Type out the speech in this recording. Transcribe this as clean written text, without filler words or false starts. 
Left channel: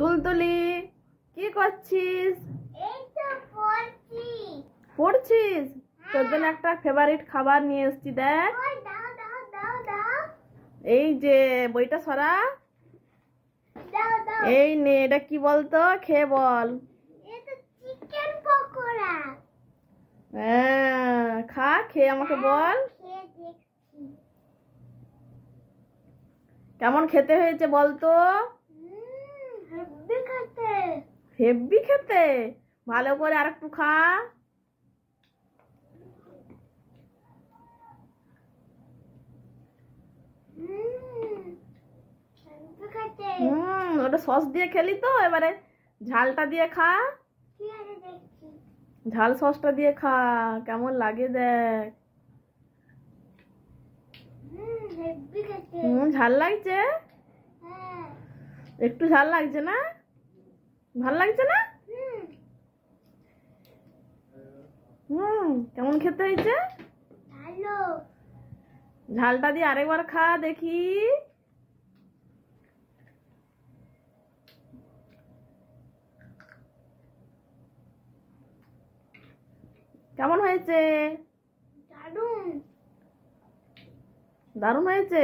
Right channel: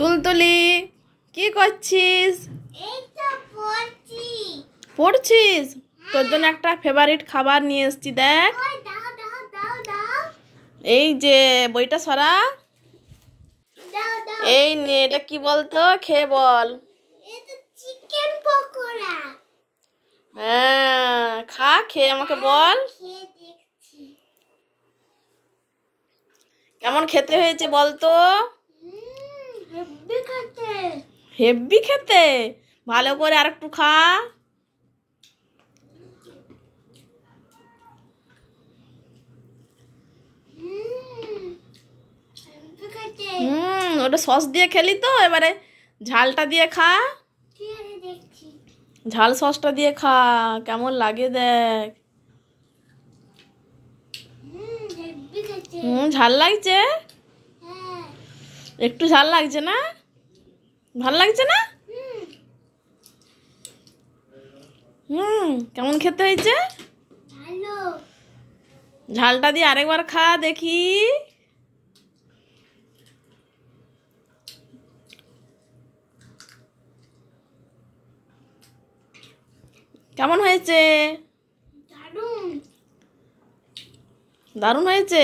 তুলতুলি, কি করছিস? এই তো পড়ছি। পড়ছিস? তোর জন্য একটা ফেভারিট খাবার নিয়ে এসেছি, দেখ। ওই দাও দাও দাও দাও এই যে বইটা সরা। দাও দাও। এই নে, এটা কি বলতো, খেয়ে বল। এটা চিকেন পকোড়া। হ্যাঁ, খা, খেয়ে আমাকে বল খেয়ে দেখছি। কেমন খেতে হয়েছে বলতো। হেব্বি খেতে। হেব্বি খেতে? ভালো করে আরেকটু খা। হেব্বি খেতে। ওটা সস দিয়ে খেলি তো, এবারে ঝালটা দিয়ে খা। ঠিক আছে দেখছি। ঝাল সসটা দিয়ে খা, কেমন লাগে দেখ। হেব্বি খেতে। ঝাল লাগছে? হ্যাঁ। একটু ঝাল লাগছে না? ভাল লাগছে না? কেমন খেতে হয়েছে? ভালো। ঝালটা দিয়ে আরেকবার খা দেখি। কেমন হয়েছে? দারুণ। দারুণ হয়েছে।